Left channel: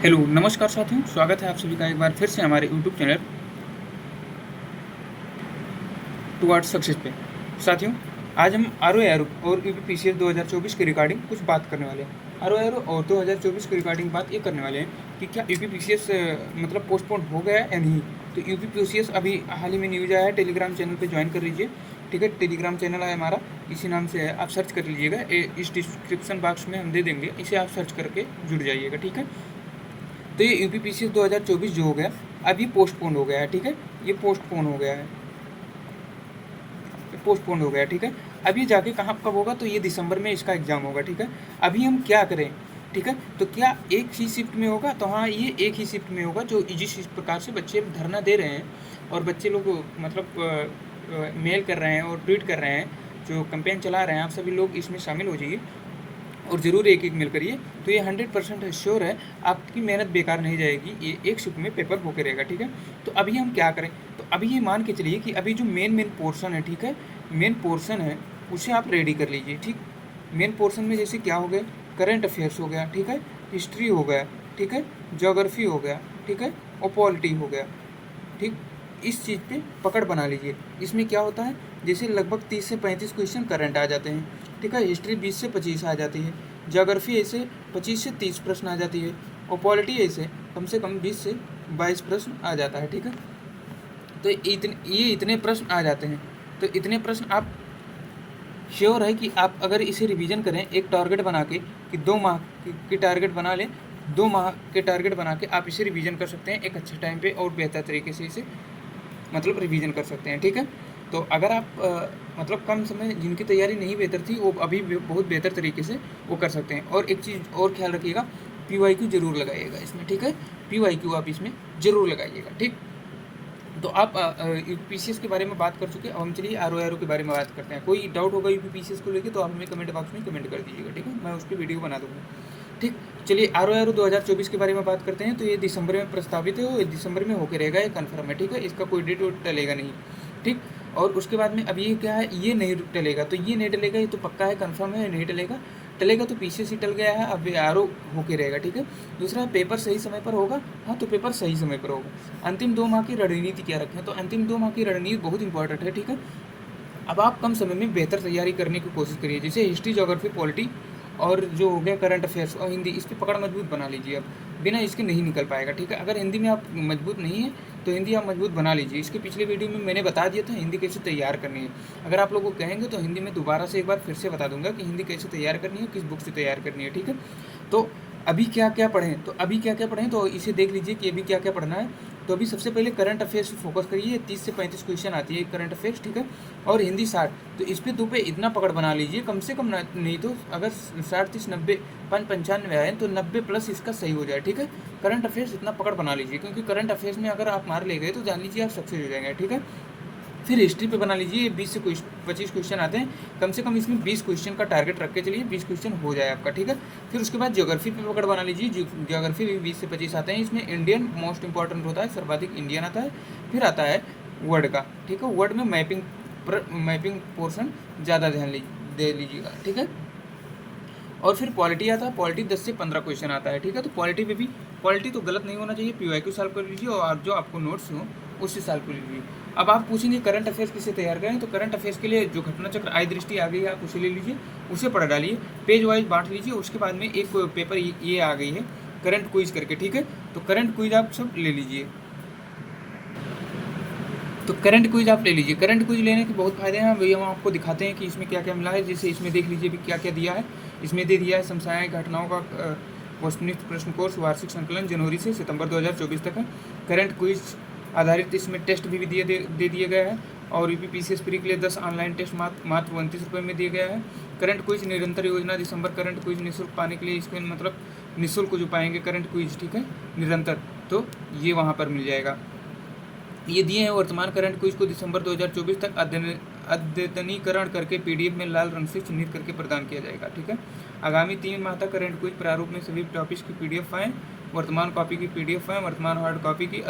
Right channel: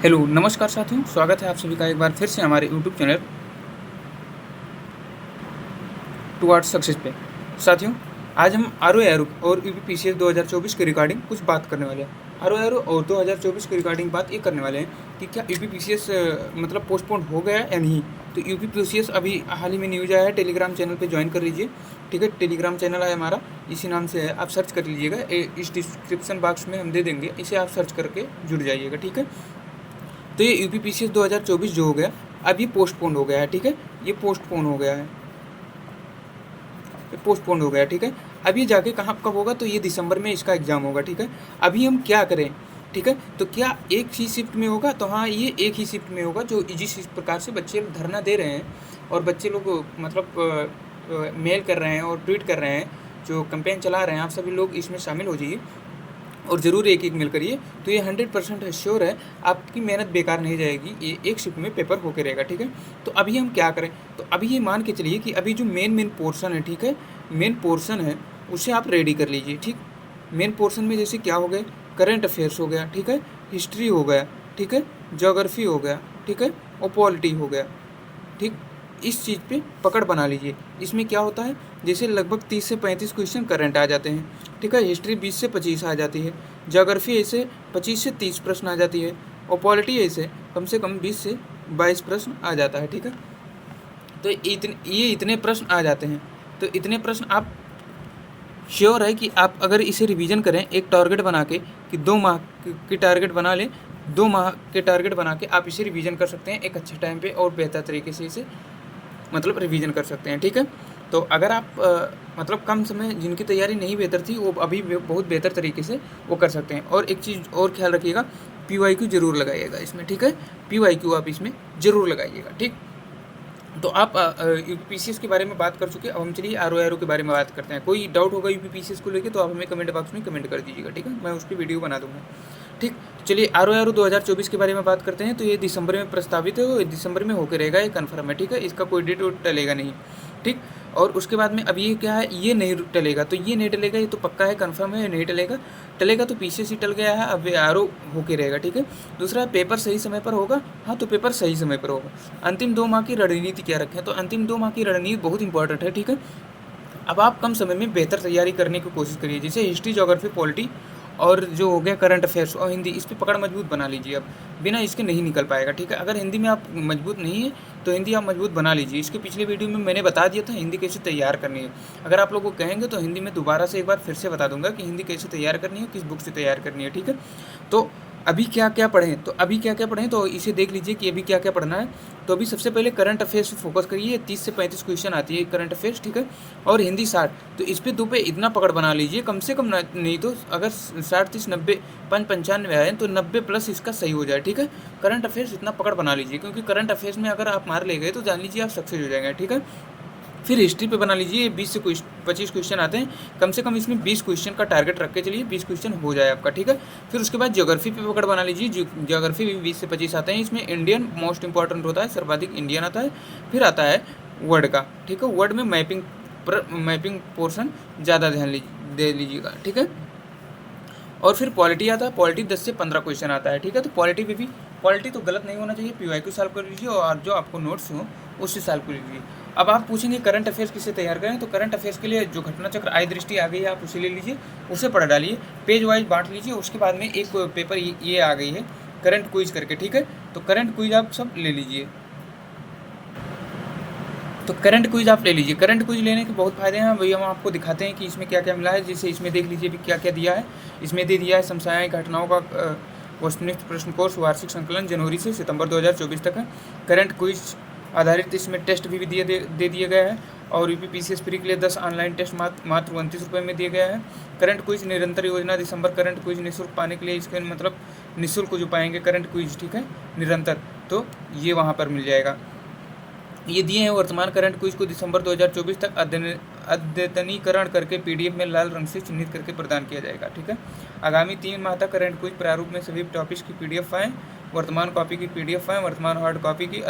Hello नमस्कार साथियों, स्वागत है आप सभी का एक बार फिर से हमारे यूट्यूब चैनल टुवर्ड्स सक्सेस पे। साथियों, आज हम आर और यूपीपीसीएस 2024 के रिगार्डिंग कुछ बात करने वाले हैं। आर और 2024 के रिगार्डिंग बात ये करने वाले हैं कि क्या यूपीपीसीएस मतलब पोस्टपोन हो गया या नहीं। तो यूपीपीसीएस अभी हाल ही में न्यूज़ आया है, टेलीग्राम चैनल पे ज्वाइन कर लीजिए। ठीक है, टेलीग्राम चैनल है हमारा, इसी नाम से है, आप सर्च कर लीजिएगा। इस डिस्क्रिप्शन बॉक्स में हम दे देंगे, इसे आप सर्च करके जुड़ जाइएगा। ठीक है, तो ये यूपीपीसीएस 2024 जो हो गया, अब ये पोस्टपोन हो गया है। ठीक है, ये पोस्टपोन हो गया है, ये पोस्टपोन हो गया है। ठीक है, अब ये जाके कहाँ कब होगा, तो ये दिसंबर में इसका एग्ज़ाम होगा। ठीक है, अभी हम क्या करें। ठीक है, तो क्या एक ही शिफ्ट में होगा, तो हाँ ये एक ही शिफ्ट में होगा। जो जिस प्रकार से बच्चे धरना दे रहे हैं और बच्चे लोग मतलब मेल कर रहे हैं और ट्वीट कर रहे हैं, जो कैंपेन चला रहे हैं, आप सभी लोग इसमें शामिल हो जाइए और ज़रूर एक एक मेल करिए। तो ये 100% श्योर है, आपकी मेहनत बेकार नहीं जाएगी, ये एक शिफ्ट में पेपर होके रहेगा। ठीक है, तो अभी हम क्या करें, तो अभी ये मान के चलिए कि अभी जो मेन पोर्शन है, ठीक है, मेन पोर्शन है उसे आप रेडी कर लीजिए। ठीक, मेन पोर्शन में जैसे क्या हो गए, करंट अफेयर्स हो गया, ठीक है, हिस्ट्री हो गया, ठीक है, ज्योग्राफी हो गया, ठीक है, और पॉलिटी हो गया। ठीक, इस चीज़ पे पकड़ बना लीजिए। इसमें क्या होता है, जैसे लगभग 30 से 35 क्वेश्चन करंट आ जाते हैं। ठीक है, हिस्ट्री 20 से 25 आ जाती है, ज्योग्राफी ऐसे 25 से 30 प्रश्न आ जाती है, और पॉलिटी ऐसे कम से कम 20 से 22 प्रश्न आ जाता है। ठीक है, तो ये इतने प्रश्न आ जाते हैं। तो इतने प्रश्न आप श्योर है कि आप अगर इसे रिवीजन करें एक टारगेट बना के, कि 2 माह की टारगेट बना लें, 2 माह के टारगेट बना के आप इसे रिवीजन कर सकते हैं एक अच्छे टाइम पे और बेहतर तरीके से इसे मतलब रिवीजन कर सकते हैं। ठीक है, तो अगर आप मतलब कम समय जिनकी तैयारी नहीं बेहतर थी, वो अभी बहुत बेहतर तरीके से वो कर सकते हैं। और एक चीज़ और ख्याल रखिएगा, PYQ जरूर लगाइएगा इसमें। ठीक है, PYQ आप इसमें ज़रूर लगाइएगा। ठीक, तो आप यूपीपीसीएस के बारे में बात कर चुके, अब हम चलिए आर के बारे में बात करते हैं। कोई डाउट होगा यूपीपीसीएस को लेकर तो आप हमें कमेंट बॉक्स में कमेंट कर दीजिएगा। ठीक है, मैं उस पर वीडियो बना दूँगा। ठीक, चलिए आर 2024 के बारे में बात करते हैं। तो ये दिसंबर में प्रस्तावित है और दिसंबर में होकर रहेगा, ये कन्फर्म है। ठीक है, इसका कोई डेट टलेगा नहीं। ठीक, और उसके बाद में अब ये क्या है, ये नहीं टलेगा, तो ये नहीं टलेगा, ये तो पक्का है, कन्फर्म है, नहीं टलेगा। टलेगा तो पीसीएस ही टल गया है, अब आर होके रहेगा। ठीक है, दूसरा पेपर सही समय पर होगा, हाँ तो पेपर सही समय पर होगा। अंतिम 2 माह की रणनीति क्या रखें, तो अंतिम 2 माह की रणनीति बहुत इंपॉर्टेंट है। ठीक है, अब आप कम समय में बेहतर तैयारी करने की कोशिश करिए, जैसे हिस्ट्री, ज्योग्राफी, पॉलिटी और जो हो गया करंट अफेयर्स और हिंदी, इस पर पकड़ मजबूत बना लीजिए। अब बिना इसके नहीं निकल पाएगा। ठीक है, अगर हिंदी में आप मजबूत नहीं है तो हिंदी आप मजबूत बना लीजिए। इसके पिछले वीडियो में मैंने बता दिया था हिंदी कैसे तैयार करनी है। अगर आप लोग को कहेंगे तो हिंदी में दोबारा से एक बार फिर से बता दूंगा कि हिंदी कैसे तैयार करनी है, किस बुक से तैयार करनी है। ठीक है, तो अभी क्या क्या पढ़ें, तो अभी क्या क्या पढ़ें, तो इसे देख लीजिए कि अभी क्या क्या पढ़ना है। तो अभी सबसे पहले करंट अफेयर्स फोकस करिए, 30 से 35 क्वेश्चन आती है करंट अफेयर्स। ठीक है, और हिंदी 60, तो इस पे 2 पे इतना पकड़ बना लीजिए कम से कम, नहीं तो अगर 60, 30, 90, 95 आए तो 90 प्लस इसका सही हो जाए। ठीक है, करंट अफेयर्स इतना पकड़ बना लीजिए, क्योंकि करंट अफेयर्स में अगर आप मार ले गए तो जान लीजिए आप सक्सेस हो जाएंगे। ठीक है, फिर हिस्ट्री पे बना लीजिए, 20 से 25 क्वेश्चन आते हैं, कम से कम इसमें 20 क्वेश्चन का टारगेट रख के चलिए, 20 क्वेश्चन हो जाए आपका। ठीक है, फिर उसके बाद ज्योग्राफी पे पकड़ बना लीजिए, ज्योग्राफी भी 20 से 25 आते हैं, इसमें इंडियन मोस्ट इंपॉर्टेंट होता है, सर्वाधिक इंडियन आता है। फिर आता है वर्ड का। ठीक है, वर्ड में मैपिंग पोर्शन ज़्यादा ध्यान दे लीजिएगा। ठीक है, और फिर पॉलिटी आता है, पॉलिटी 10 से 15 क्वेश्चन आता है। ठीक है, तो पॉलिटी पे भी, पॉलिटी तो गलत नहीं होना चाहिए, PYQ सॉल्व कर लीजिए और जो आपको नोट्स हो उससे सॉल्व कर लीजिए। अब आप पूछेंगे करंट अफेयर्स किसे तैयार करें, तो करंट अफेयर्स के लिए जो घटना चक्र आय दृष्टि आ गई है आप उसे ले लीजिए, उसे पढ़ डालिए, पेज वाइज बांट लीजिए। उसके बाद में एक पेपर ये आ गई है करंट क्विज करके। ठीक है, तो करंट क्विज आप सब ले लीजिए, तो करंट क्विज आप ले लीजिए। करंट क्विज लेने के बहुत फायदे हैं, वही हम आपको दिखाते हैं कि इसमें क्या क्या मिला है। जैसे इसमें देख लीजिए भी क्या क्या दिया है, इसमें दे दिया है समसामयिक घटनाओं का वस्तुनिष्ठ प्रश्न कोर्स वार्षिक संकलन जनवरी से सितंबर 2024 तक है। करंट क्विज आधारित इसमें टेस्ट भी दे दिए गए हैं, और यूपीपीसीएस प्री के लिए 10 ऑनलाइन टेस्ट मात्र 29 रुपये में दिए गए हैं। करंट क्विज निरंतर योजना, दिसंबर करंट क्विज निःशुल्क पाने के लिए, इसके मतलब निःशुल्क जो पाएंगे करंट क्विज, ठीक है, निरंतर, तो ये वहाँ पर मिल जाएगा। ये दिए हैं वर्तमान करंट क्विज को दिसंबर 2024 तक अद्यतनीकरण करके PDF में लाल रंग से चिन्हित करके प्रदान किया जाएगा। ठीक है, आगामी 3 माह तक करंट क्विज प्रारूप में सभी टॉपिक्स की PDF फाइल, वर्तमान कॉपी की PDF फाइल, वर्तमान हार्ड कॉपी की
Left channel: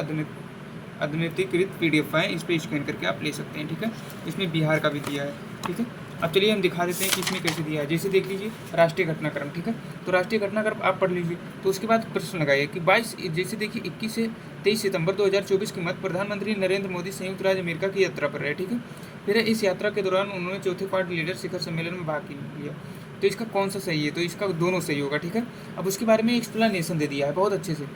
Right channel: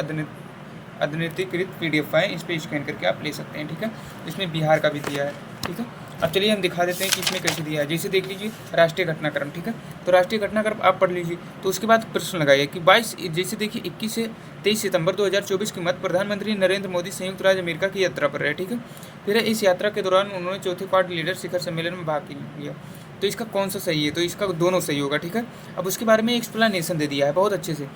अद्यतनीकृत PDF फाइल, इस पर स्कैन करके आप ले सकते हैं। ठीक है, इसमें बिहार का भी दिया है। ठीक है, अब चलिए हम दिखा देते हैं कि इसमें कैसे दिया है। जैसे देख लीजिए राष्ट्रीय घटनाक्रम, ठीक है, तो राष्ट्रीय घटनाक्रम आप पढ़ लीजिए। तो उसके बाद प्रश्न लगाइए कि 22 जैसे देखिए 21 से 23 सितंबर 2024 के मध्य प्रधानमंत्री नरेंद्र मोदी संयुक्त राज्य अमेरिका की यात्रा पर रहे, ठीक है। फिर इस यात्रा के दौरान उन्होंने चौथे क्वाड लीडर शिखर सम्मेलन में भाग लिया। तो इसका कौन सा सही है? तो इसका दोनों सही होगा, ठीक है। अब उसके बारे में एक्सप्लेनेशन दे दिया है, बहुत अच्छे से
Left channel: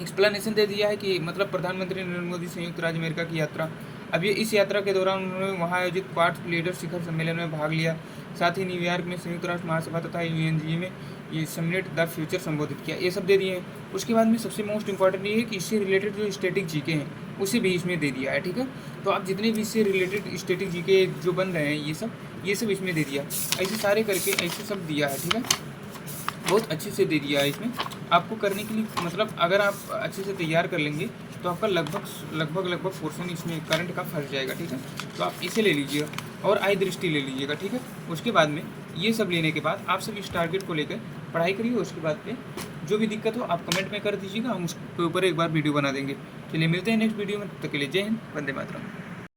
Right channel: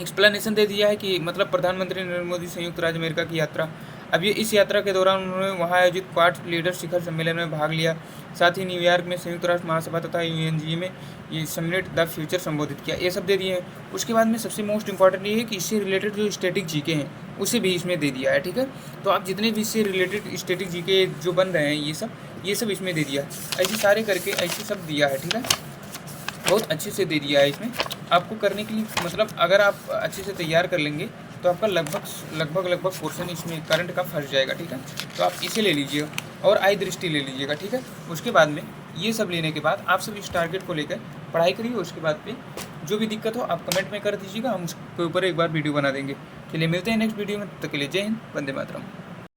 एक्सप्लेनेशन दे दिया है कि मतलब प्रधानमंत्री नरेंद्र मोदी संयुक्त राज्य अमेरिका की यात्रा, अब ये इस यात्रा के दौरान उन्होंने वहाँ आयोजित क्वाड लीडर शिखर सम्मेलन में भाग लिया। साथ ही न्यूयॉर्क में संयुक्त राष्ट्र महासभा तथा यूएनजी में ये समिट द फ्यूचर संबोधित किया। ये सब दे दिए हैं। उसके बाद में सबसे मोस्ट इंपॉर्टेंट ये है कि इससे रिलेटेड जो स्टैटिक जीके हैं उसे भी इसमें दे दिया है, ठीक है। तो आप जितने भी इससे रिलेटेड स्टैटिक जीके जो बन रहे हैं ये सब इसमें दे दिया है। ऐसे सारे करके ऐसे सब दिया है, ठीक है, बहुत अच्छे से दे दिया है। इसमें आपको करने के लिए मतलब अगर आप अच्छे से तैयार कर लेंगे तो आपका लगभग पोर्शन इसमें करंट का फंस जाएगा, ठीक है। तो आप इसे ले लीजिएगा और आई दृष्टि ले लीजिएगा, ठीक है। उसके बाद में ये सब लेने के बाद आप सब इस टारगेट को लेकर पढ़ाई करिए। उसके बाद पे जो भी दिक्कत हो आप कमेंट में कर दीजिएगा, हम उसके ऊपर एक बार वीडियो बना देंगे। चलिए मिलते हैं नेक्स्ट वीडियो में, तब तक के लिए जय हिंद, वंदे मातरम।